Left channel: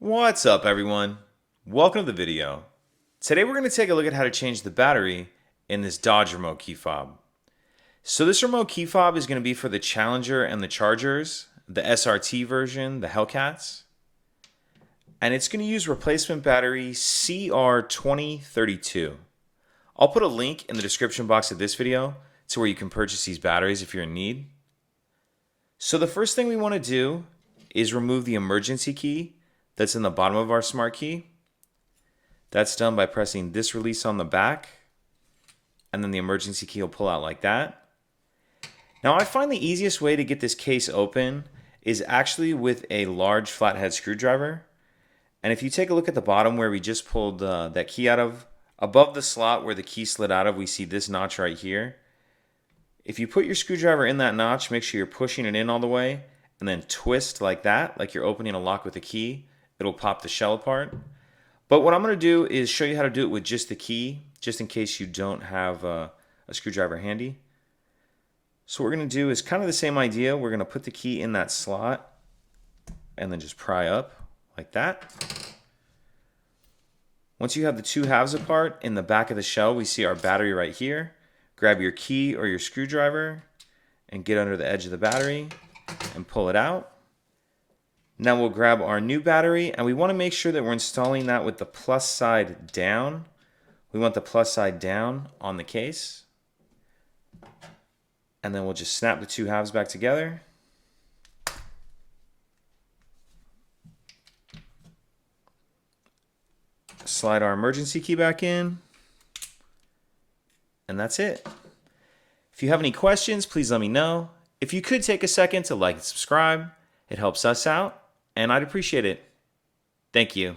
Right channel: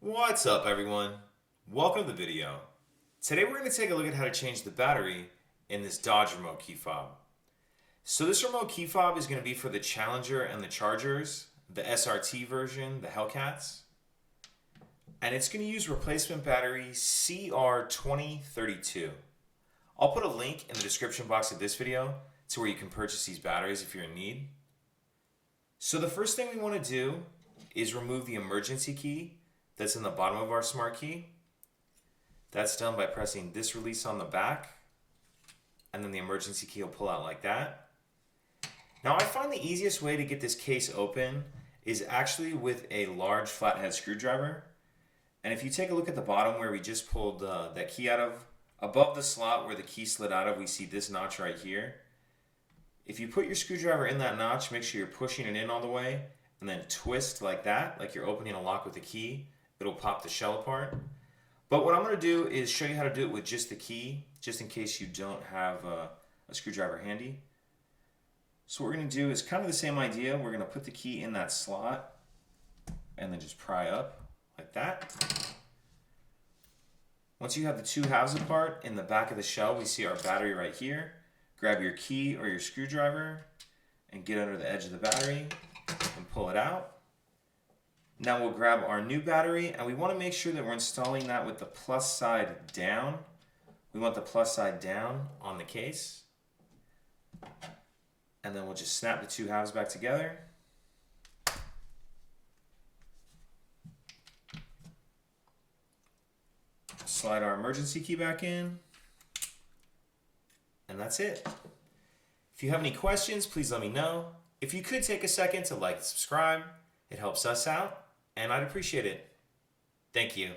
What's up, everyone? Welcome to the video. Today we're going to take a look at how to change the battery in this Dodge remote key fob. So this remote key fob is going to be for the Challenger and the Chargers, the SRT version, the Hellcats. And it's going to use replacement battery CR2032. I'll put a link in the description box of this video to where you can purchase these batteries if you're in need. So the first thing we want to do is remove the emergency key that's in the bottom of our smart key. That's done by pressing this release on the back, and then the emergency key will pull out like that. Now I find the easiest way to get this case open is actually with a large flathead screwdriver. And if you take a look at the bottom where we just pulled that key out of, above the slot where the key slid out of, we see this notch right here. If you put your screwdriver in that notch, make sure you're pushing it in all the way, and then twist like that, like you're opening a lock with a key. It'll pop the shell apart. But what I'm going to do is show you how to do it with just the key, just in case you don't have a screwdriver handy. So what we're going to do is kind of the same idea. We're going to put the key in that slot and then just pry up like that. Once you have the two halves apart, in the back of the shell we see our battery right here. Grab your key or your screwdriver and get under the edge of the battery and pull it out. Now we'll grab our new battery, and we want to make sure that we're installing that with the plus side down. We want the plus side down on the case. And then we'll just snap the two halves back together. Slide our emergency key back in. And that's it. If you have any questions, please let me know. If you could take a second to like and subscribe, it helps us out, and I'd appreciate it. Thank you.